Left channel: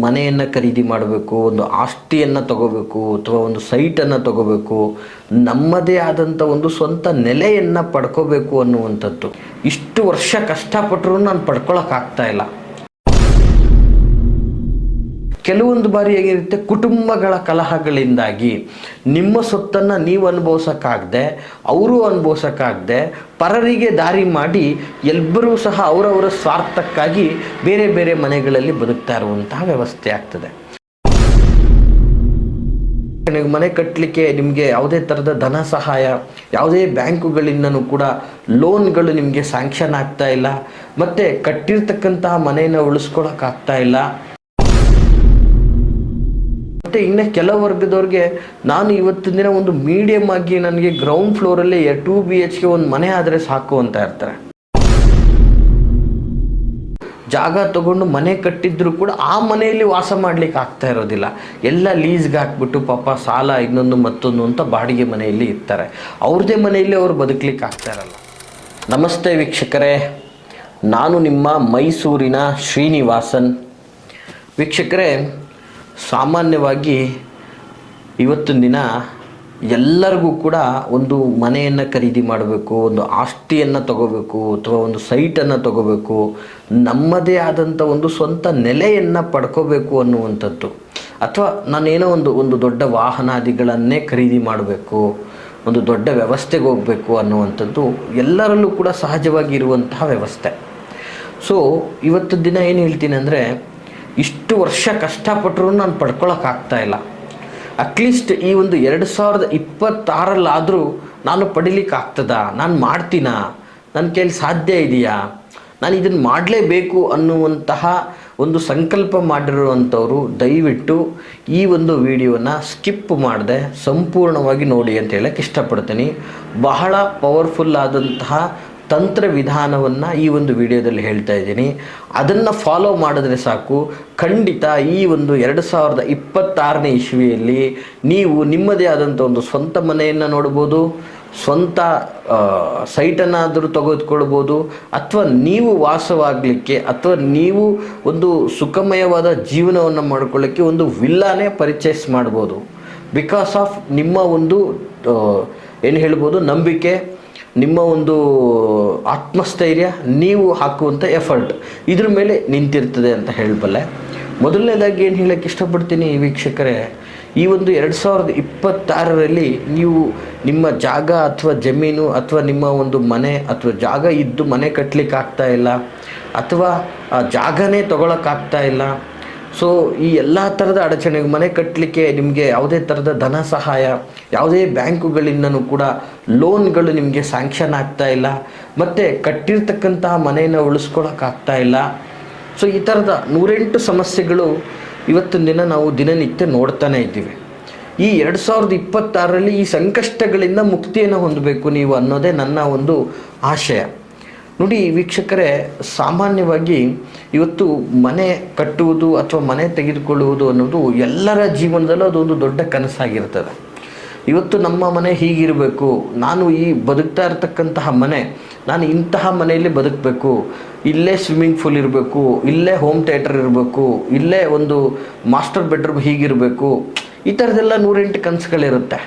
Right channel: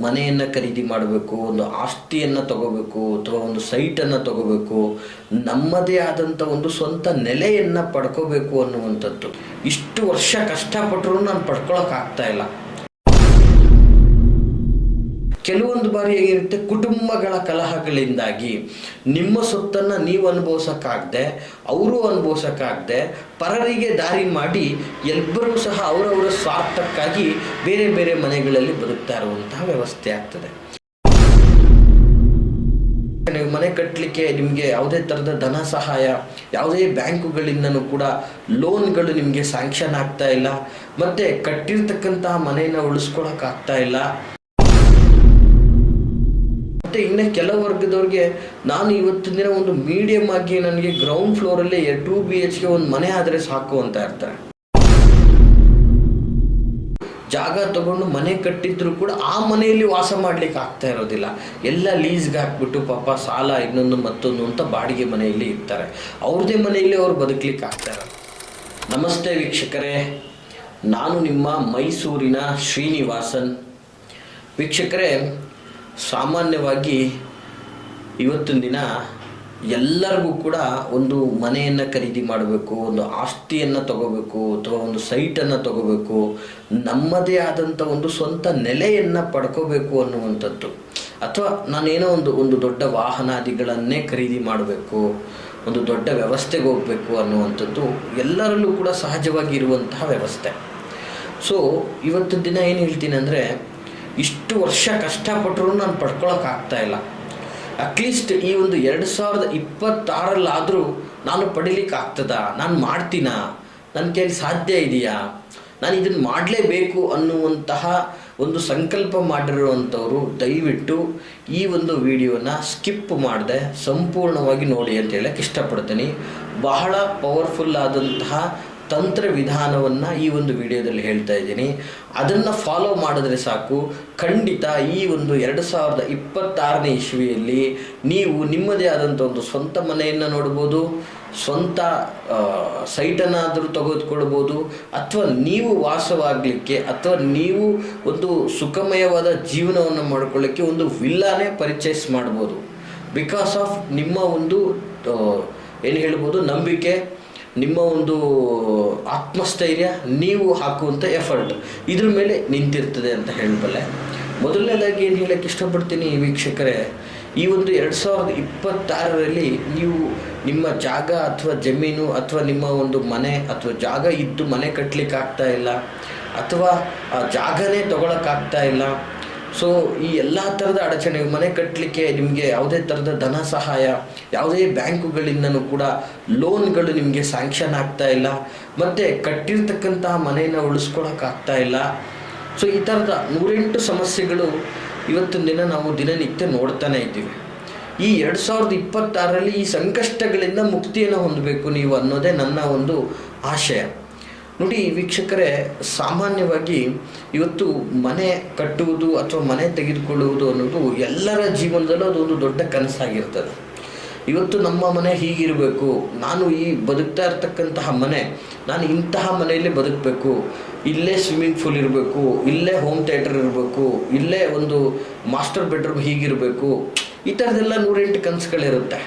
ಮನೆಯನ್ನು ಖರೀದಿ ಮಾಡಬೇಕು, ಒಂದು ಆಸ್ತಿಯನ್ನು ತಗೋಬೇಕು ಅಥವಾ ಒಂದು ಸೈಟನ್ನು ತಗೋಬೇಕು, ನಮ್ಮದೇ ಆದಂಥ ಒಂದು ಸ್ವಂತ ನೆಲೆಯನ್ನು ಪಡ್ಕೋಬೇಕು ಅನ್ನುವಂಥದ್ದು. ಇಷ್ಟು ವರ್ಷ ಕಷ್ಟಪಟ್ಟರೂ ನಾನು ಪಡ್ಕೊಳಕ್ಕಾಗ್ತಾ ಇಲ್ಲ. ಕೆಲವೊಂದು ಬಾರಿ ಹೇಗಿರುತ್ತೆ, ಕುಟುಂಬಗಳ ಕಲಹಗಳಿಂದಾಗಿ ನಿಮ್ಮ ಸೊತ್ತನ್ನು ನೀವು ಅನುಭವಿಸೋಕ್ಕಾಗದೆ, ಅವರು ಅನುಭವಿಸೋಕ್ಕಾಗದೆ, ಪರರಿಗೆ ದಾರಿ ಮಾಡಿ ಎಲ್ಲರೂ ಸಹ ಅವರವರ ಸ್ವಾರ್ಥಕ್ಕಾಗಿ ಬೇರೆ ಬೇರೆ ಮನೆಗಳಲ್ಲಿ ಬದುಕ್ತಾ ಇರುವಂತಹ ವ್ಯವಸ್ಥೆ ಆಗ್ತದೆ. ಮನೆ ಕಟ್ಟಲಿಕ್ಕೆ ನಿಮಗೆ ಯಾವುದೇ ಥರದ ಧನ ಸಹಾಯ, ಯಾವುದೇ ಬ್ಯಾಂಕುಗಳಿಂದನೂ ಕೂಡ ಲೋನ್ಗಳು ನಿಮಗೆ ಸ್ಯಾಂಕ್ಷನ್ ಆಗ್ತಾ ಇಲ್ಲ, ಮತ್ತು ಕಟ್ಟಿರ್ತಕ್ಕಂತಹ ಮನೆಯನ್ನು ಉಳಿಸ್ಕೊಳಕ್ಕಾಗ್ತಾ ಇಲ್ಲ ಮತ್ತು ಇನ್ನು ಕೆಲ ವರ್ಗದವ್ರಿಗೆ ನಾನು ಇವತ್ತಿನ ದಿನ ಒಂದು ಮೀಡಿಯಮ್ ಆಗಿ ನನಗೆ ಗ್ರೌಂಡ್ ಫ್ಲೋರಲ್ಲಿ ಟೂ ಬಿ ಎಚ್ಗೆ ಒಂದು ಮನೆ ಆದರೆ ಸಾಕು ಅಂತ ಇರ್ತಾರೆ ಜಾಗ ತಗೊಂಡು ಮನೆ ಕಟ್ಟಿದ್ರು ಕೂಡ ಆ ಮನೆಯಲ್ಲಿ ವಾಸ ಮಾಡ್ಲಿಕ್ಕೆ ಆಗ್ತಾ ಇರೋದಿಲ್ಲ. ಎಲ್ಲ ಲೀಸ್ಗೆ ಹಾಕ್ಬಿಟ್ಟು ಪಾಪ ಸಾಲ, ಇನ್ನೊಂದು ಮತ್ತೊಂದು ಅಂತ ಬಾಡಿಗೆ ಮನೆಯಲ್ಲಿ ಇರ್ತಾರೆ. ಅವ್ರದೇ ಮನೆಯಲ್ಲಿ ಅವ್ರು ಬದುಕಲಿಕ್ಕೆ ಆಗ್ತಾ ಇರಲ್ಲ. ನಮಸ್ತೆ ವೀಕ್ಷಕರೇ. ನಾನು ನಿಮ್ಮ ಮೈಸೂರಿನ ಶ್ರೀನಿವಾಸನ್. ವೀಕ್ಷಕರೇ ಸಾಮಾನ್ಯವಾಗಿ ಇವತ್ತಿನ ದಿನ ಎಲ್ಲರಿಗೂ ಕೂಡ ಒಂದು ಮನೆಯನ್ನು ಖರೀದಿ ಮಾಡಬೇಕು, ಒಂದು ಆಸ್ತಿಯನ್ನು ತಗೋಬೇಕು, ಅಥವಾ ಒಂದು ಸೈಟನ್ನು ತಗೋಬೇಕು, ನಮ್ಮದೇ ಆದಂಥ ಒಂದು ಸ್ವಂತ ನೆಲೆಯನ್ನು ಪಡ್ಕೋಬೇಕು ಅನ್ನುವಂಥದ್ದು. ಅಥವಾ ನಾನೇನೋ ಒಂದು ಒಂದು ದೊಡ್ಡ ವಾಹನಾದಿಗಳನ್ನೇ ಖರೀದಿ ಮಾಡಬೇಕು, ಒಂದು ದೊಡ್ಡ ವ್ಯವಸ್ಥೆಗೆ ಹೋಗಬೇಕು ಅನ್ನುವಂಥದ್ದು ಎಲ್ಲರಲ್ಲೂ ಕೂಡ ಸಹಜವಾಗಿ ಇರುವಂತಹ ವ್ಯವಸ್ಥೆ. ಸೊ ಇವತ್ತು ದಿನ ಏನು ಹೇಳ್ತೀನಿ ಅಂದರೆ ಇಷ್ಟು ವರ್ಷ ಕಷ್ಟಪಟ್ಟರೂ ನಾನು ಪಡ್ಕೊಳಕ್ಕಾಗ್ತಾ ಇಲ್ಲ. ಅಟ್ಲೀಸ್ಟ್ ಈ ಒಂದು ಎರಡು ಸಾವಿರದ ಇಪ್ಪತ್ತಾರಲ್ಲಾದರೂ ನಾನು ಪಡಿಲಿಕ್ಕೆ ಆಗ್ತದಾ? ನಾನು ಮಾಡ್ತೀನಾ? ನನ್ನ ಕೈಲಿ ಸಾಧ್ಯ ಇದೆಯಾ? ನಾನು ಇದನ್ನು ಮಾಡಲೇಬೇಕು ಅನ್ನುವಂತಹ ಒಂದು ಸಂಕಲ್ಪ ಮಾಡಿರುವಂಥವರು ದಯವಿಟ್ಟು ಈ ಒಂದು ವಿಡಿಯೋನ ಸ್ಕಿಪ್ ಮಾಡದೆ, ಸಂಪೂರ್ಣವಾಗಿ ನೋಡಿ ಅಂತ ಹೇಳಕ್ಕೆ ಇಷ್ಟಪಡ್ತೀನಿ. ಬಹಳ ಪವರ್ಫುಲ್ ಆದಂತಹ ತಂತ್ರ ವಿಧಾನವನ್ನು ಈ ಒಂದು ವಿಡಿಯೋದಲ್ಲಿ ಹೇಳ್ತಾ ಇದ್ದೀನಿ. ಅದನ್ನು ಫಾಲೋ ಮಾಡಿದ್ರೆ ಸಾಕು. ಖಂಡಿತ ಈ ಒಂದು ಎರಡು ಸಾವಿರದ ಇಪ್ಪತ್ತಾರನೇ ಇಸ್ವಿಯಲ್ಲಿ ನೀವು ನಿಮ್ಮದೇ ಆದಂಥ ಒಂದು ಸ್ವಂತ ಮನೆಯನ್ನು ನೋಡ್ಬೋದು, ಸ್ವಂತ ಸೈಟನ್ನಾದರೂ ತೆಗೆದುಕೊಳ್ಬೋದು, ಅಥವಾ ನೀವು ವಾಸವಾಗಲಿಕ್ಕೆ ಅಥವಾ ನೀವು ಒಂದು ಸುಖಮಯವಾದ ಜೀವನವನ್ನು ಮಾಡ್ಕೊಳ್ಳೋಕ್ಕೆ ಒಂದು ವಿಲ್ಲಾನೇ ಪರಿಚಯಸ್ ಮಾಡ್ಬೋದು. ಬಿಕಾಸ್ ಆಫ್ ನಿಮ್ಮ ಒಂದು ಏನು ಹೇಳ್ಬೋದು, ನಂಬಿಕೆ ನಿಮ್ಮ ಒಂದು ಆತ್ಮಸ್ಥೈರ್ಯ ನೀವು ಹಾಕುವಂಥ ಎಫರ್ಟ್ ಇದ್ರ ಮೇಲೆ ನಿಂತಿರ್ತದೆ ಅಂತ ಹೇಳಬಲ್ಲೆ. ಮೊದಲನೇದಾಗಿ ಏನು ಹೇಳಕ್ಕೆ ಇಷ್ಟಪಡ್ತೀನಿ ವೀಕ್ಷಕರೇ, ಈ ಒಂದು ಎರಡು ಸಾವಿರದ ಇಪ್ಪತ್ತಾರರಲ್ಲಿ ನೀವು ನಿಮ್ಮ ಜಾಗ ಅಥವಾ ಜಮೀನು ಅಥವಾ ನಿಮ್ಮ ಒಂದು ಮನೆ ಅಥವಾ ಜಾಗ ಇದ್ದು ಮನೆ ಕಟ್ಟಲಿಕ್ಕೆ ಆಗ್ತಾ ಇಲ್ಲ ಅಥವಾ ಆ ಜಾಗನೇ ತಗೊಳಕ್ಕಾಗ್ತಾ ಇಲ್ಲ ಸೊ ಈ ಎಲ್ಲ ಥರದ ಅಡಚಣೆ ಮನೆ ಕಟ್ಟಲಿಕ್ಕೆ ನಿಮಗೆ ಯಾವುದೇ ಥರದ ಧನ ಸಹಾಯ, ಯಾವುದೇ ಬ್ಯಾಂಕುಗಳಿಂದನೂ ಕೂಡ ಲೋನ್ಗಳು ನಿಮಗೆ ಸ್ಯಾಂಕ್ಷನ್ ಆಗ್ತಾ ಇಲ್ಲ. ಮತ್ತು ಕಟ್ಟಿರ್ತಕ್ಕಂತಹ ಮನೆಯನ್ನು ಉಳಿಸ್ಕೊಳಕ್ಕಾಗ್ತಾ ಇಲ್ಲ. ಸೊ ಈ ಥರದ ನೂರೆಂಟು ಸಮಸ್ಯೆಗಳು ಇವತ್ತಿನ ದಿನ ನಾವು ದಿನನಿತ್ಯ ನೋಡ್ತಾನೆ ಇದ್ದೀವಿ. ಈ ಎರಡು ಸಾವಿರದ ಇಪ್ಪತ್ತಾರರಲ್ಲಿ ಈ ಸಂಕಷ್ಟಗಳಿಂದ ಮುಕ್ತಿಯನ್ನು ಹೊಂದಬೇಕು ನೀವು ಅನ್ನೋದೇ ನನ್ನ ಒಂದು ಆಶಯ. ನೋಡಿ ವೀಕ್ಷಕರೇ, ಸಾಮಾನ್ಯವಾಗಿ ಇವತ್ತು ಮನೆ ಕಟ್ಟುವುದು ಅಥವಾ ಮನೆ ತೆಗೆದುಕೊಳ್ಳುವುದು ಅನ್ನೋದು ಎಲ್ಲರ ಜೀವನದಲ್ಲೂ ಅದೊಂದು ದೊಡ್ಡ ಕನಸಾಗಿರ್ತದೆ. ಇವತ್ತು ನಮ್ಮ ಮನೆ ಹೀಗಿರಬೇಕು, ನಾನು ಈ ಬದುಕ್ತಾ ಇರತಕ್ಕಂತಹ ಮನೆ, ನಾನು ಇಂತಹ ಮನೆಯಲ್ಲಿ ಬದುಕಬೇಕು, ಇಲ್ಲೇ ಸ್ವಿಮ್ಮಿಂಗ್ ಪೂಲ್ ಇರಬೇಕು, ಇಲ್ಲೇ ಹೋಮ್ ಥಿಯೇಟರ್ ಇರಬೇಕು, ಇಲ್ಲೇ ಒಂದು ಮಾಸ್ಟರ್ ಬೆಡ್ರೂಮ್ ಹೀಗಿರಬೇಕು, ಈ ಥರದ್ದೆಲ್ಲ ನೂರೆಂಟು ಕನಸುಗಳಿರುತ್ತೆ.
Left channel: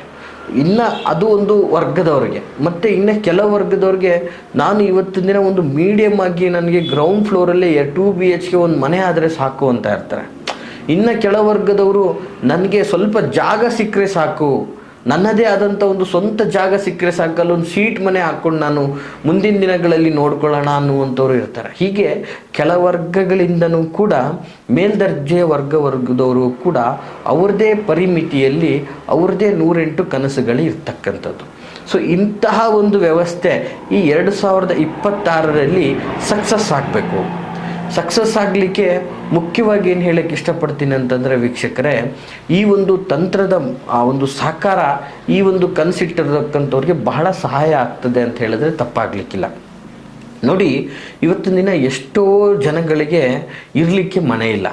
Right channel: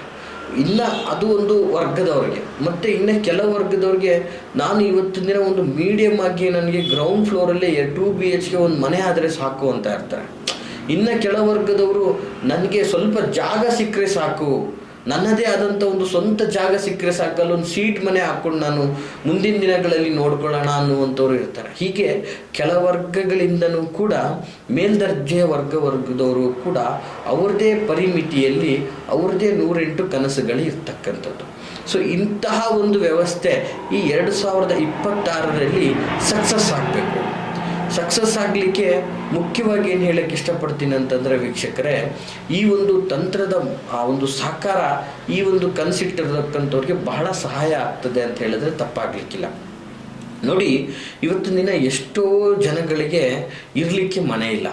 ಇನ್ನು ಅದು ಒಂದು ವರ್ಗದವರಿಗೆ. ಮತ್ತು ಇನ್ನು ಕೆಲ ವರ್ಗದವ್ರಿಗೆ, ನಾನು ಇವತ್ತಿನ ದಿನ ಒಂದು ಮೀಡಿಯಮ್ ಆಗಿ ನನಗೆ ಗ್ರೌಂಡ್ ಫ್ಲೋರಲ್ಲೇ ಟೂ ಬಿ ಎಚ್ಗೆ ಒಂದು ಮನೆ ಆದರೆ ಸಾಕು ಅಂತ ಇರ್ತಾರೆ ಇನ್ನು ಕೆಲ ವರ್ಗದವರು, ನನಗೆ ಸ್ವಲ್ಪ ಜಾಗ ಸಿಕ್ಕರೆ ಸಾಕು. ನನ್ನದೇ ಆದಂಥ ಒಂದು ಸ್ವಂತ ಜಾಗ ಸಿಕ್ಕರೆ ಸಾಕಲ್ಲೊಂದು ಒಂದು ಸೀಟ್ ಮನೆ ಹಾಕ್ಕೊಂಡು ನಾನು ಮುಂದಿನ ದಿನಗಳಲ್ಲಿ ನೋಡ್ಕೊಳ್ಳೋಣ ಅನ್ನುವಂಥವ್ರು ಇರ್ತಾರೆ. ಹೀಗೆ ಕೆಲ ವರ್ಗಗಳಿಂದನೂ ಕೂಡ, ಮೇಲ್ದರ್ಜೆ ವರ್ಗ ವರ್ಗದವರು ಕೂಡ ಅವ್ರದ್ದೇ ಪರಿಮಿತಿಯಲ್ಲಿ ಅವ್ರದ್ದೇ ನೂರೆಂಟು ಕನಸುಗಳು ಇರ್ತಕ್ಕಂಥದ್ದು. ಸೊ ಇಂತಹ ಒಂದು ವ್ಯವಸ್ಥೆ ಈ ಎರಡು ಸಾವಿರದ ಇಪ್ಪತ್ತಾರರಲ್ಲಿ ಸಕ್ಸಸ್ ಆಗಬೇಕು. ಸಕ್ಸಸ್ ಆಗಲಿಕ್ಕೆ ಮುಖ್ಯವಾಗಿ ಏನು ಹೇಳಕ್ಕೆ ಇಷ್ಟಪಡ್ತೀನಿ ಅಂತಂದರೆ ವೀಕ್ಷಕರೇ, ಈ ಒಂದು ತಂತ್ರದ, ಆ ಒಂದು ಸಹಕಾರ, ಈ ಒಂದು ಕನಸಿಟ್ಟಿರತಕ್ಕಂಥವ್ರಿಗೆ ಬಹಳ ಸಹಾಯ ಆಗ್ತದೆ ಅಂತ ಹೇಳಿದ್ರೆ ತಪ್ಪಾಗಲಿಕ್ಕಿಲ್ಲ. ನೋಡಿ, ಇವತ್ತಿನ ದಿನ ಎಷ್ಟೋ ಜನಗಳಿಗೆ ಇರಲಿಕ್ಕೆ ಮನೆ ಇಲ್ಲ.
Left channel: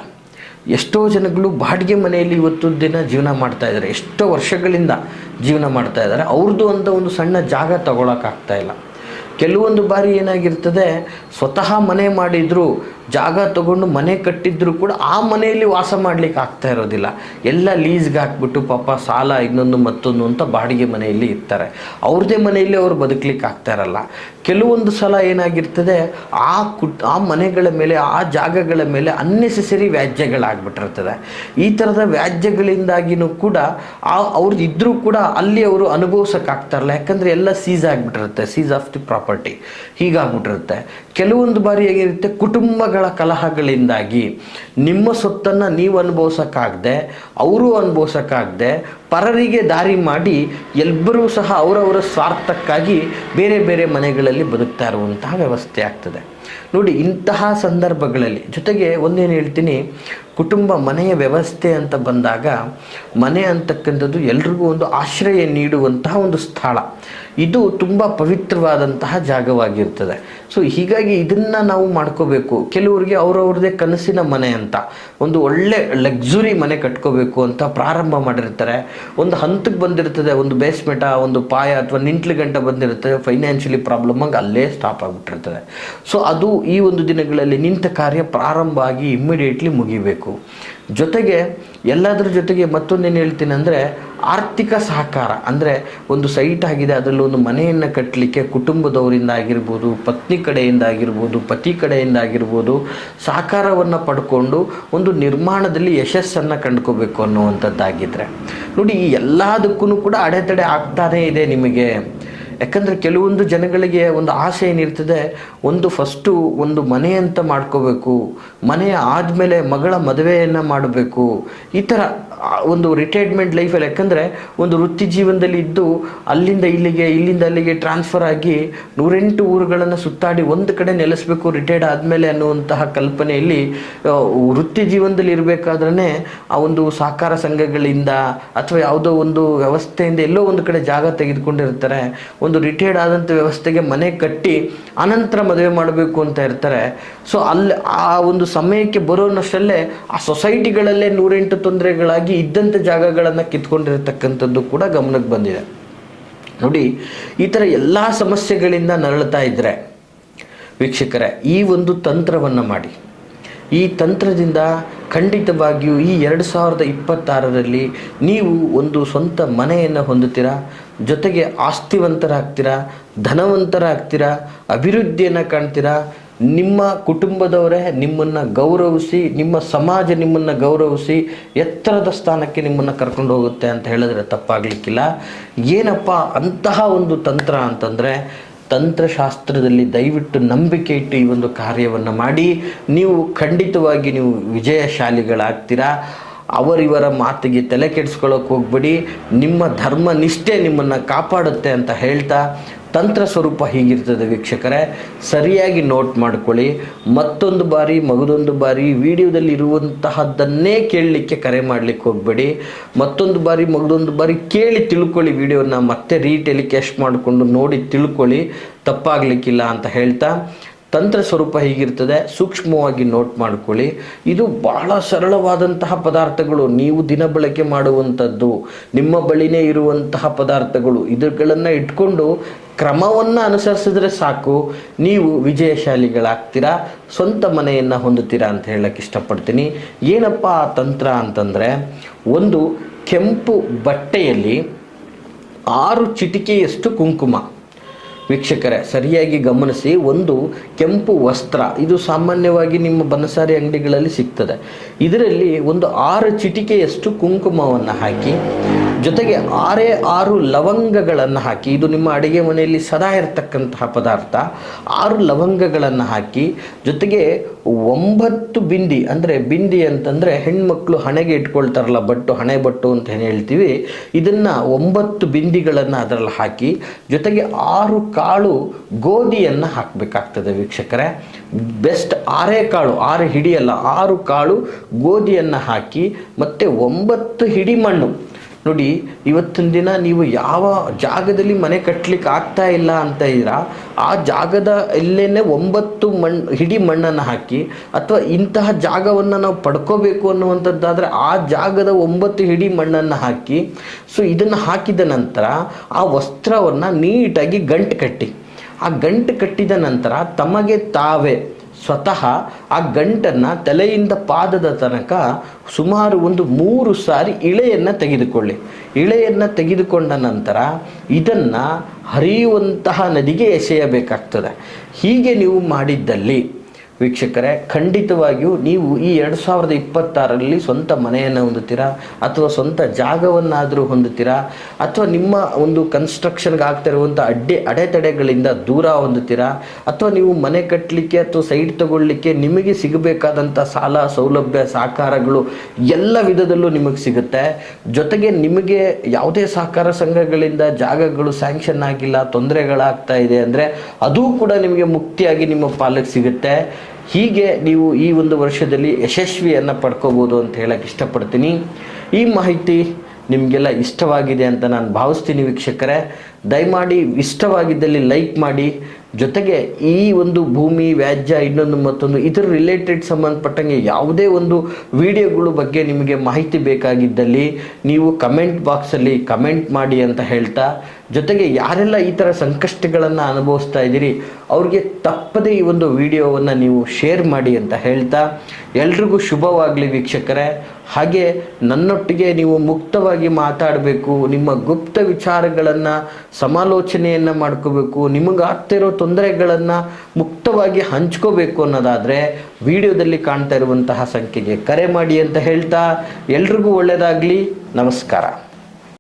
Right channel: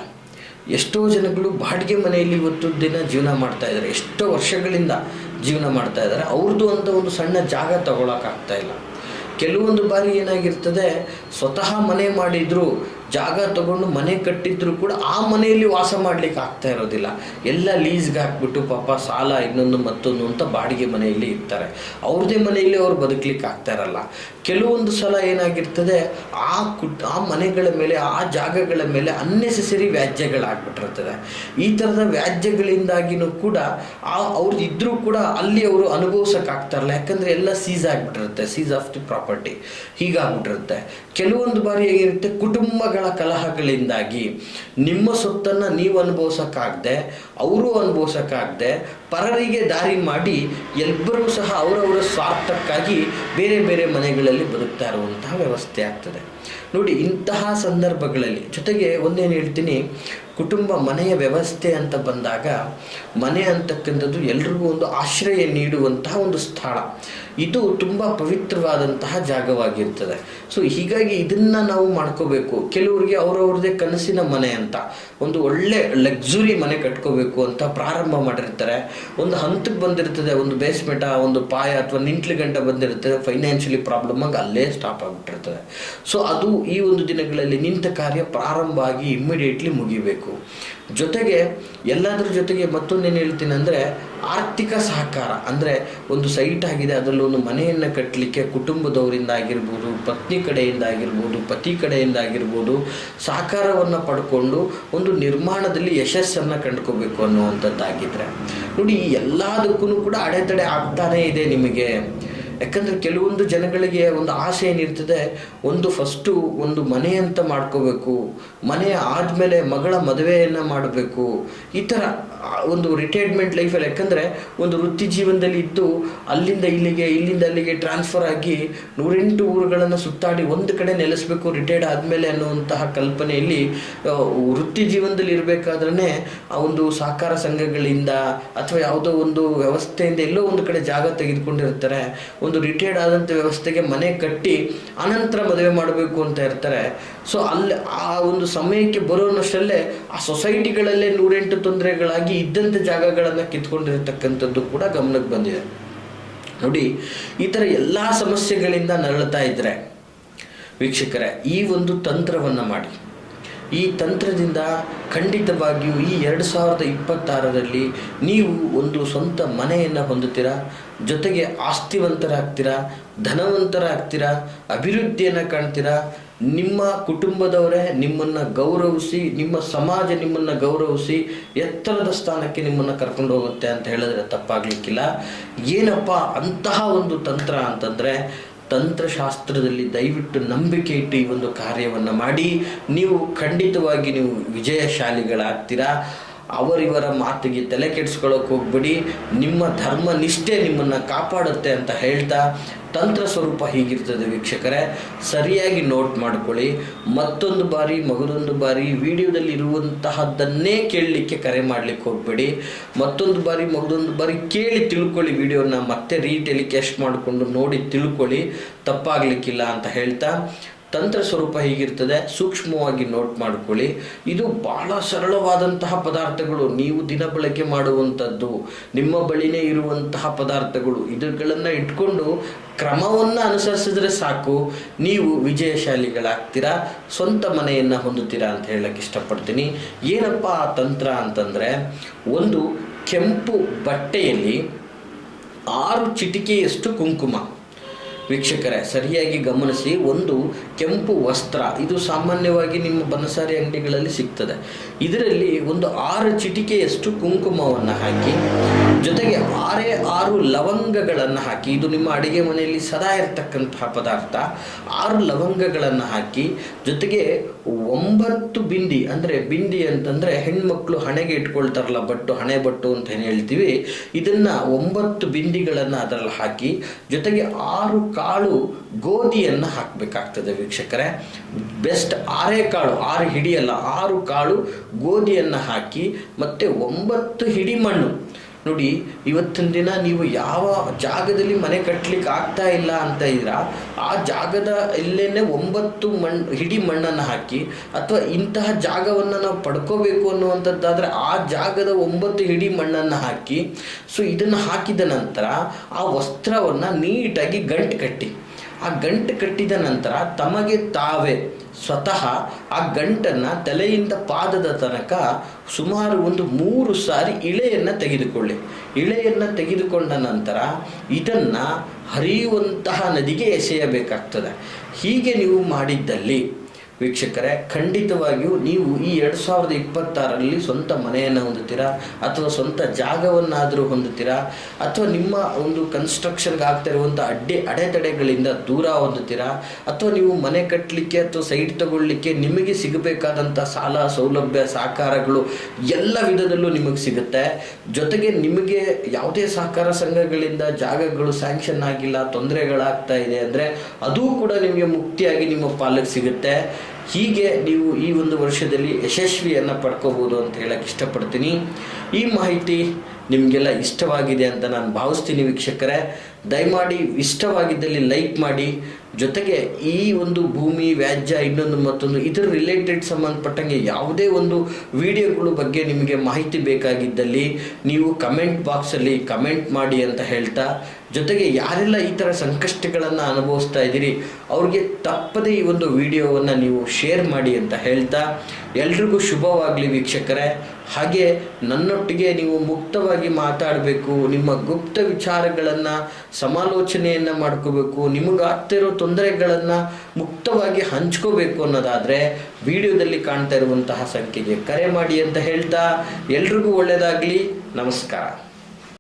ಎಷ್ಟೋ ಜನಗಳು ಬಾಡಿಗೆ ಮನೆಯಲ್ಲಿ ಇವತ್ತು ದಿನ ಜೀವನ ಮಾಡ್ತಾ ಇದ್ದಾರೆ. ಎಷ್ಟೋ ವರ್ಷಗಳಿಂದ ಜೀವನ ಮಾಡ್ತಾ ಇದ್ದಾರೆ. ಅವ್ರದ್ದು ಅಂತ ಒಂದು ಸಣ್ಣ ಜಾಗ ತಗೊಳಕ್ಕಾಗ್ತಾ ಇಲ್ಲ. ಕೆಲವೊಂದು ಬಾರಿ ಏನಾಗಿರ್ತದೆ, ಸ್ವತಃ ಮನೆ ಮಾಡಿದ್ರು ಜಾಗ ತಗೊಂಡು ಮನೆ ಕಟ್ಟಿದ್ರು ಕೂಡ ಆ ಮನೆಯಲ್ಲಿ ವಾಸ ಮಾಡ್ಲಿಕ್ಕೆ ಆಗ್ತಾ ಇರೋದಿಲ್ಲ. ಎಲ್ಲ ಲೀಸ್ಗೆ ಹಾಕ್ಬಿಟ್ಟು ಪಾಪ ಸಾಲ, ಇನ್ನೊಂದು ಮತ್ತೊಂದು ಅಂತ ಬಾಡಿಗೆ ಮನೆಯಲ್ಲಿ ಇರ್ತಾರೆ. ಅವ್ರದೇ ಮನೆಯಲ್ಲಿ ಅವ್ರು ಬದುಕಲಿಕ್ಕೆ ಆಗ್ತಾ ಇರಲ್ಲ. ಕೆಲವೊಂದು ಸಲ ಏನಾಗಿರ್ತದೆ, ಆ ಕುಟ್, ಆ ಮನೆಗಳ ಮೇಲೆ, ಆ ಜಾಗಗಳ ಮೇಲೆ ಅನ್ನೆಸೆಸರಿ ವ್ಯಾಜ್ಯಗಳಾಗ್ಬಿಟ್ಟಿರ್ತದೆ. ಈ ಥರದ ವ್ಯಾಜ್ಯಗಳಿಂದಾಗಿನೂ ಕೂಡ ಆ ಅವ್ರದ್ದು ಇದ್ರೂ ಕೂಡ ಅಲ್ಲಿ ಅವರು ಅನುಭವಿಸೋಕ್ಕಾಗ್ತಾರಲ್ಲ ಯಾಕಂದರೆ ಎಲ್ಲ ಸೀಸ್ ಆಗಿಬಿಟ್ಟಿರುತ್ತೆ ಸೀಸ್ ಆಫ್ ದಿ ಪ್ರಾಪರ್ಟಿ ಹೀಗಾಗ್ಬಿಟ್ಟಿರುತ್ತೆ. ಕೆಲವೊಂದು ಬಾರಿ ಏನಿರುತ್ತೆ, ಕುಟುಂಬಗಳ ಕಲಹಗಳಿಂದಾಗಿ ನಿಮ್ಮ ಸೊತ್ತನ್ನು ನೀವು ಅನುಭವಿಸೋಕ್ಕಾಗದೆ, ಅವರು ಅನುಭವಿಸೋಕ್ಕಾಗದೆ, ಪರರಿಗೆ ದಾರಿ ಮಾಡಿ ಎಲ್ಲರೂ ಸಹ ಅವರವರ ಸ್ವಾರ್ಥಕ್ಕಾಗಿ ಬೇರೆ ಬೇರೆ ಮನೆಗಳಲ್ಲಿ ಬದುಕ್ತಾ ಇರುವಂತಹ ವ್ಯವಸ್ಥೆ ಆಗ್ತದೆ. ನೋಡಿ, ಇಂತಹ ಸಂದರ್ಭಗಳಲ್ಲಿ ಜೊತೆಗೆ ಒಂದೇನು ಹೇಳ್ತೀನಿ, ಕುಟುಂಬ ಮನೆಯ ವ್ಯವಸ್ಥೆ ಅಂತ ಬಂದಾಗ ಮನೆ ಅಂತಕ್ಕಂಥದ್ದು ಎಲ್ರಿಗೂ ಒಂದು ಆಶ್ರಯ ನೀಡುವಂತಹ ಒಂದು ಸ್ಥಳ. ಇದು ತುಂಬ ಪವಿತ್ರವಾದಂತಹ ಜಾಗವಾಗಿರ್ತದೆ. ಸೊ ಹೀಗಾಗಿ ಇದನ್ನು ನಾವು ಮಾಡ್ಕೋಬೇಕು. ಕೆಲವರಿಗೆ ಅವರವ್ರದೇ ಕನಸಿನ ಮನೆ ಅಂತ, ಒಂದು ಒಳ್ಳೆ ಲಕ್ಸುರಿ ಮನೆ ಕಟ್ಕೋಬೇಕು ಅಂತ ಪ್ರಾರಂಭ ಮಾಡಿರ್ತಾರೆ. ಒಂದು ಹಂತಕ್ಕೆ ಬಂದಿರ್ತದೆ, ಒಂದು ಬೇಸ್ಮೆಂಟ ಒಂದು ಪಾಯ ಅಥವಾ ನಿಂಟ್ಲು ಗಂಟೆ ಬಂದಿರ್ತದೆ ಫೈನಾನ್ಷಿಯಲಿ ಪ್ರಾಬ್ಲಮ್ ಆಗಿ ಅಲ್ಲೇ ಸ್ಟಾಪ್ ಆಗಿಬಿಟ್ಟಿರ್ತದೆ. ಸೊ ಅದು ಈ ಒಂದು ದಿನಗಳಲ್ಲಿ ನಿಂತ ಕಾರ್ಯ ಪ್ರಾರಂಭ ಆಗಿ ಇಮ್ಮಿಡಿಯೇಟ್ಲಿ ಮುಗಿಬೇಕು. ಜೊತೆಗೆ ಎಲ್ಲದರ ಜೊತೆಗೆ ಮತ್ತೊಂದೇನು ಹೇಳ್ತೀನಿ ಅಂದರೆ ಆರ್ಥಿಕ ಸಹಕಾರ. ಅಂದರೆ ಒಂದು ಸೈಟ್ ಆಗಿದೆ, ಅದರಲ್ಲಿ ಒಂದು ಮನೆಯನ್ನು ಕಟ್ಟಲಿಕ್ಕೆ ಕುಟುಂಬದವರಿಂದ ಆಗಿರ್ಬೋದು, ಪತ್ನಿ ಕಡೆಯಿಂದ ಆಗಿರ್ಬೋದು, ಪತಿ ಕಡೆಯಿಂದ ಆಗಿರ್ಬೋದು ಸಹಕಾರವನ್ನು ಪಡ್ಕೊಂಡು ಒಂದು ನಿರ್ಮಾಣದಲ್ಲಿ ಯಶಸ್ಸನ್ನು ಕಂಡ್ಕೋಬೇಕು ಅನ್ನುವಂಥದ್ದಾಗಿದ್ದರೆ ನೋಡಿ ಎಲ್ಲದಕ್ಕೂ ಕೂಡ ಅಡೆತಡೆ ಆಗ್ತಾನೇ ಇದೆ ನಿಮಗೆ. ಯಾಕಂದರೆ ಕೆಲವೊಂದು ಜನಗಳಿಗೆ ಒಂದು ಆಸೆ ಏನಿರ್ತದೆ, ಒಂದು ಫಸ್ಟು ಒಂದು ಮನೆ ಅಂತ ಮಾಡ್ಕೋಬೇಕು, ಮನೆ ಆದಮೇಲೆ ಮಗಳ ಮದುವೆಯನ್ನು ಮಾಡಬೇಕು, ಈ ಥರ ಒಂದು ರಿಟೈರ್ಮೆಂಟ್ ಲೈಫಲ್ಲಿ ಯಾಕಂದರೆ ಒಂದು ವೃತ್ತಿ ಜೀವನದಲ್ಲಿ ಇದ್ದು ಅಲ್ಲಿಂದ ಇಲ್ಲಿಗೆ, ಇಲ್ಲಿಂದ ಅಲ್ಲಿಗೆ ಟ್ರಾನ್ಸ್ಫರ್ ಆಗಿ ನೂರೆಂಟು ಊರುಗಳನ್ನು ಸುತ್ತಾಡಿ ಒಂದು ಕಡೆ ನೆಲೆಸಬೇಕು ರಿಟೈರ್ಡ್ ಆದಮೇಲೆ ಅನ್ನುವಂತಹ ಕಲ್ಪನೆಯಲ್ಲಿ ವೃತ್ತಿ ಜೀವನದಲ್ಲಿ ಇರಬೇಕಾದ್ರೆ ಆ ಒಂದು ಸಹಕಾರ ಸಂಘಗಳಿಂದ ಅಥವಾ ಯಾವುದೋ ಒಂದು ವ್ಯವಸ್ಥೆಯಿಂದ ಎಲ್ಲೋ ಒಂದು ಕಡೆ ಜಾಗ ತೆಗೆದುಕೊಂಡಿರ್ತಾರೆ. ಒಂದು ರಿಟೈರ್ಡ್ ಆದಂಥ ವ್ಯವಸ್ಥೆಗೆ ಮನೆ ಕಟ್ಟಿ ಅನಂತರ ಮದುವೆ ಮಾಡಬೇಕು ಅಂತ ಇರ್ತಾರೆ. ಸೊ ಅಲ್ಲಿ ಆ ಒಂದು ಸಮಯಕ್ಕೆ ಬರೋನಷ್ಟಲ್ಲೇ ಆ ಸೊಸೈಟಿಗಳಲ್ಲೇ ನೂರೆಂಟು ತೊಂದರೆಗಳಾಗಿ ಇದ್ದಂಥ ಜಾಗಗಳನ್ನು ಕಿತ್ಕೊಂಡಿರತಕ್ಕಂಥದ್ದು ಕೂಡ ಗಮನಕ್ಕೆ ಬಂದಿದೆ. ನೋಡಿ, ಈ ಥರ ಎಲ್ಲ ಸಮಸ್ಯೆಗಳಿಂದ ನರಳ್ತಾ ಇದ್ದರೆ ವೀಕ್ಷಕರೇ, ಈ ಒಂದು ತಂತ್ರವನ್ನು ಮಾಡಿ. ಈ ತಂತ್ರದಿಂದ ಖಂಡಿತವಾಗಿಯೂ ಈ ಎರಡು ಸಾವಿರದ ಇಪ್ಪತ್ತಾರರಲ್ಲಿ ನೀವು ಒಂದು ಸ್ವಂತ ಮನೆಯನ್ನು ಹೊಂದುತ್ತೀರಾ? ಜೊತೆಗೆ ಆಸ್ತಿವಂತರಾಗ್ತೀರಾ? ಧನವಂತರಾಗ್ತೀರಾ? ಅಭಿವೃದ್ಧಿಯನ್ನು ಕಾಣ್ತೀರಾ? ನಿಮ್ಮ ಕುಟುಂಬದವರೇ ನಿಮ್ಮನ್ನು ಗೌರವಿಸಿ, ನಿಮ್ಮ ಸಮಾಜ ನಿಮ್ಮನ್ನು ಗೌರವಿಸಿ ಎತ್ತರದ ಸ್ಥಾನಕ್ಕೆ ನಿಮ್ಮನ್ನು ಕರ್ಕೊಂಡು ಹೋಗುತ್ತೆ ಅಂತ ಹೇಳಿದ್ರೆ ತಪ್ಪಾಗಲಿಕ್ಕಿಲ್ಲ. ಏನಪ್ಪ ಅಂತಹ ಒಂದು ತಂತ್ರ ಅಂತಂದರೆ ತಂತ್ರಶಾಸ್ತ್ರದಲ್ಲಿ ದಯವಿಟ್ಟು ನಂಬಿಕೆ ಇಟ್ಟು ಈ ಒಂದು ಕಾರ್ಯವನ್ನು ಮಾಡಿ ನೀವು ಖಂಡಿತವಾಗಿ ನೀವು ವಿಜಯಶಾಲಿಗಳಾಗ್ತೀರಾ? ಅವರಿವರ ಮಾತಿಗೆ ತಲೆ ಕೆಡಿಸ್ಕೊಳ್ಳೋಕೆ ಹೋಗ್ಬೇಡಿ. ನಿಮ್ಮ ಧರ್ಮ ನಿಷ್ಠೆ ನಿಮ್ಮನ್ನು ಕಾಪಾಡುತ್ತೆ ಅಂತ ಹೇಳ್ತಾ ತಂತ್ರ ಸ್ವರೂಪ ಹೀಗಿರ್ತದೆ ವೀಕ್ಷಕರೇ. ಸರಿಯಾಗಿ ನೋಟ್ ಮಾಡ್ಕೊಳ್ಳಿ. ಮತ್ತೊಂದು ಬಾರಿ, ಮಗದೊಂದು ಬಾರಿ ವಿಡಿಯೋದಲ್ಲಿ ಇರುವಂತಹದ್ದನ್ನೇ ಕೇಳಲಿಕ್ಕೆ ಕರೆ ಮಾಡಲಿಕ್ಕೆ ಹೋಗಬೇಡಿ. ಮತ್ತೊಂದು ಬಾರಿ, ಮಗದೊಂದು ಬಾರಿ ಕೇಳಿ ತಿಳ್ಕೊಳ್ಳಿ ವಿಡಿಯೋನ. ಮತ್ತೆ ರೀಟೆಲಿಕಾಸ್ಟ್ ಮಾಡಿಕೊಂಡು ನೋಡಿ ತಿಳ್ಕೊಳ್ಳಿ. ತಪ್ಪಾಗಲಿಕ್ಕಿಲ್ಲ ಅಂತ ಹೇಳ್ತಾ. ತಂತ್ರ ಸ್ವರೂಪ ಹೇಗಿರ್ತದೆ, ಸೂಕ್ಷ್ಮವಾಗಿ ನೋಟ್ ಮಾಡ್ಕೊಳ್ಳಿ. ಇದು ಬಹಳ ಸರಳವಾದಂತಹ ಪದಾರ್ಥಗಳು. ನೀವು ದಿನ ಬಳಕೆ ಮಾಡುವಂಥದ್ದು, ನಿಮ್ಮ ಬಳಿನೇ ಇರುವಂತಹ ಪದಾರ್ಥಗಳು ಇದುಗಳನ್ನು ಇಟ್ಕೊಂಡು ಕ್ರಮವನ್ನು ಅನುಸರಿಸಿದ್ರೆ ಸಾಕು. ನೀವು ವಿಜಯಶಾಲಿಗಳಾಗ್ತೀರಾ? ಸ್ವಂತ ಮನೆಯನ್ನು ಹೊಂದುತ್ತೀರಾ ಅಂತ ಹೇಳಕ್ಕೆ ಇಷ್ಟಪಡ್ತೀನಿ. ಏನಪ್ಪ ಆ ತಂತ್ರ ಅಂತಂದರೆ, ಒಂದು ಕೆಂಪು ಬಟ್ಟೆಯಲ್ಲಿ ಆರು ಚಿಟಿಕೆಯಷ್ಟು ಕುಂಕುಮ. ವೀಕ್ಷಕರೇ ಸರಿಯಾಗಿ ಗಮನಿಸಿ ಒಂದು ಕೆಂಪು ವಸ್ತ್ರ ಇದು ಸಾಮಾನ್ಯವಾಗಿ ನಿಮ್ಮ ಬನಸಾರಿ ಅಂಗಡಿಗಳಲ್ಲಿ ಸಿಗ್ತದೆ. ಇದರಲ್ಲಿ ಒಂದು ಆರು ಚಿಟಿಕೆಯಷ್ಟು ಕುಂಕುಮವನ್ನು ಹಾಕಿ, ಜೊತೆಗೆ ಆರೇ ಆರು ಲವಂಗಗಳನ್ನು ಹಾಕಿ, ಇದು ನಿಮ್ಮ ಅಡುಗೆ ಮನೆಯಲ್ಲಿ ಸದಾ ಇರತಕ್ಕಂತಹ ಪದಾರ್ಥ, ಆರು ಲವಂಗಗಳನ್ನು ಹಾಕಿ, ಜೊತೆಗೆ ಒಂಬತ್ತು ಬಿಂದಿ, ಅಂದರೆ ಬಿಂದಿ ಅಂತಂದರೆ ಹೆಣ್ಮಕ್ಳು ಹಣೆಗೆ ಇಟ್ಕೊಳ್ತಾರಲ್ಲ, ಬಟ್ಟು, ಹಣೆ ಬಟ್ಟು ಅಂತ ಹೇಳ್ತೀವಿ, ಇದನ್ನು ಒಂಬತ್ತು ಬಿಂದಿಗಳನ್ನು ಅದರಲ್ಲಿ ಹಾಕಿ, ಜೊತೆಗೆ ಆರು ಕಾಳು ಗೋಧಿಯನ್ನು ಹಾಕಬೇಕಾಗ್ತದೆ ವೀಕ್ಷಕರೇ. ಬೆಸ್ಟ್ ಆರೇ ಕಾಳು, ಆರು ಹಿಡಿಯಲ್ಲ, ಆರು ಕಾಳು ಗೋಧಿಯನ್ನು ಹಾಕಿ ಮತ್ತು ಒಂಬತ್ತು ಹಿಡಿ ಮಣ್ಣು ನೋಡಿ, ಇವತ್ತಿನ ದಿನ ನೀವು ಯಾವ ಜಾಗದಲ್ಲಿ ಮನೆ ಕಟ್ಟಲಿಕ್ಕೆ ಆಗ್ತಾ ಇಲ್ಲ ಅಂತ ಇದ್ದೀರಾ, ಆ ಜಾಗದ ಎಲ್ಲೇನೆ ಒಂಬತ್ತು ಮಣ್ಣು ಹಿಡಿ ಮಣ್ಣನ್ನು ಹಾಕಿ ಅಥವಾ ಇಂತಹ ಜಾಗವನ್ನು ನಾವು ಪಡ್ಕೋಬೇಕು ಅನ್ನುವಂಥದ್ದಾದರೆ ಆ ಜಾಗದ ಒಂಬತ್ತು ಹಿಡಿ ಮಣ್ಣನ್ನು ಹಾಕಿ, ಸೊ ಇದನ್ನು ಹಾಕಿದ ನಂತರ ಆ ವಸ್ತ್ರವನ್ನು ನೀಟಾಗಿ ಗಂಟು ಕಟ್ಟಿ. ಆ ಗಂಟು ಕಟ್ಟಿದ ನಂತರ ತಮಗೆ ತಾವೇ ಸ್ವತಃ ಆ ಗಂಟನ್ನು ತಲೆಯಿಂದ ಪಾದದ ತನಕ ಸುಮಾರು ಒಂದು ಮೂರು ಸಾರಿ ಇಳೆಯನ್ನು ತೆಗೆದುಕೊಳ್ಳಿ. ಇಳೆಯನ್ನು ತೆಗೆದುಕೊಂಡ ನಂತರ ಇದನ್ನು ಹರಿಯುವಂತಹ ನದಿಗೆ ಎಸೆಯಬೇಕಾಗ್ತದೆ. ಹೀಗೆ ನೀವು ಮಾಡಿದ್ದಲ್ಲಿ ವೀಕ್ಷಕರೇ, ಖಂಡಿತವಾಗಿಯೂ ನೀವು ಈ ಎರಡು ಸಾವಿರದ ಇಪ್ಪತ್ತಾರರಲ್ಲಿ ಸ್ವಂತ ಮನೆಯನ್ನು ಹೊಂದುತ್ತೀರಾ? ಅಥವಾ ಸ್ವಂತ ಜಾಗವನ್ನಾದರೂ ಹೊಂದುತ್ತೀರಾ? ಅಥವಾ ನಿಮ್ಮ ಒಂದು ಕನ್ಸ್ಟ್ರಕ್ಷನ್ಗೆ ಆಗ್ತಾ ಇರುವಂಥ ಅಡ್ಡಿ, ಅಡೆತಡೆಗಳಿಂದ ದೂರ ಹೊಂದುತ್ತೀರಾ? ಅಥವಾ ನೀವು ಮನೆ ಕಟ್ಟಲಿಕ್ಕೆ ಅಥವಾ ಸೈಟ್ ತಗೊಳ್ಳಿಕ್ಕೆ ನಿಮಗೆ ಸಿಗಬೇಕಾದಂಥ ಸಾಲ, ಸೌಲಭ್ಯ, ಸಹಕಾರಗಳು ಎಲ್ಲ ವಿಧದಲ್ಲೂ ನಿಮಗೆ ಸಿಗುತ್ತೆ. ಜೊತೆಗೆ ನಿಮಗೆ ಯಾವುದೇ ಸಹಕಾರ ಸಂಘಗಳಿಂದ ಜಾಗಗಳು ಸ್ಯಾಂಕ್ಷನ್ ಆಗಿಲ್ಲ, ತೊಂದರೆಗಳಾಗ್ತಾ ಇದೆ ಅಂದರೆ ಅದು ಕೂಡ ನಿಮಗೆ ಮುಕ್ತಿಯಾಗಿ ನಿಮ್ಮ ಪಾಲಕ್ಕೆ ಸಿಗುತ್ತೆ. ಹೀಗೆ ನೀವು ಈ ಒಂದು ವರ್ಷದಲ್ಲಿ ಯಶಸ್ವಿಯನ್ನು ಪಡ್ಕೋಬೋದು ಅಂತ ಹೇಳಕ್ಕೆ ಇಷ್ಟಪಡ್ತೀನಿ. ಈ ಮಾಹಿತಿ ನಿಮಗೆಲ್ಲ ಇಷ್ಟವಾಗಿದೆ ಅಂತ ನಾನು ಭಾವಿಸ್ತೀನಿ ವೀಕ್ಷಕರೇ. ದಯಮಾಡಿ ಇಷ್ಟವಾಗಿದ್ದಲ್ಲಿ ಲೈಕ್ ಮಾಡಿ. ಜೊತೆಗೆ ಈ ಒಂದು ಭೂಮಿ, ವ್ಯಾಜ್ಯ, ಇನ್ನೊಂದು ಮತ್ತೊಂದು ಇದರ ರಿಲೇಟೆಡ್ ಸಂಬಂಧಪಟ್ಟಂಗೆ ಯಾವುದೇ ಒಂದು ವಿಡಿಯೋಗಳು ಬಗ್ಗೆ ನಿಮಗೆ ಮಾಹಿತಿ ಬೇಕಾಗಿದ್ದಲ್ಲಿ ನೀವು ಕಮೆಂಟ್ ಬಾಕ್ಸಲ್ಲಿ ಕಮೆಂಟ್ ಮಾಡಿ ಅಂತ ಹೇಳ್ತಾ ಜೊತೆಗೆ ಯಾರೆಲ್ಲ ಈ ಥರ ಸಂಕಷ್ಟಗಳನ್ನು ಅನುಭವಿಸ್ತಾ ಇದ್ದೀರಿ, ಅವ್ರಿಗೆ ತಪ್ಪದೇ ಈ ಒಂದು ವಿಡಿಯೋವನ್ನು ನೀವು ಶೇರ್ ಮಾಡಿ ಅಂತ ಹೇಳ್ತಾ ಎಲ್ರಿಗೂ ಶುಭವಾಗಲಿ ವೀಕ್ಷಕರೇ. ಹಾಗೆ ನನ್ನೊಟ್ಟಿಗೆ ನೀವು ಮುಕ್ತವಾಗಿ ಮಾತಾಡಬೇಕು, ನಿಮ್ಮ ಗುಪ್ತ ವಿಚಾರಗಳನ್ನು, ಸಮಾಲೋಚನೆಯನ್ನು ಮಾಡ್ಕೋಬೇಕು ನಿಮಗಾಗ್ತಿರೋ ತೊಂದರೆಗಳನ್ನು ಮುಕ್ತವಾಗಿ ಹಂಚ್ಕೋಬೇಕು ಅನ್ನೋದಾದರೆ ವಿಡಿಯೋದಲ್ಲಿ ಕಾಣ್ತಾ ಇರುವಂತಹ ಸಂಖ್ಯೆಗೆ ಕರೆ ಮಾಡಿ ಅಂತ ಹೇಳ್ತಾ ಎಲ್ರಿಗೂ ಒಳ್ಳೆಯದಾಗಲಿ ನಮಸ್ಕಾರ.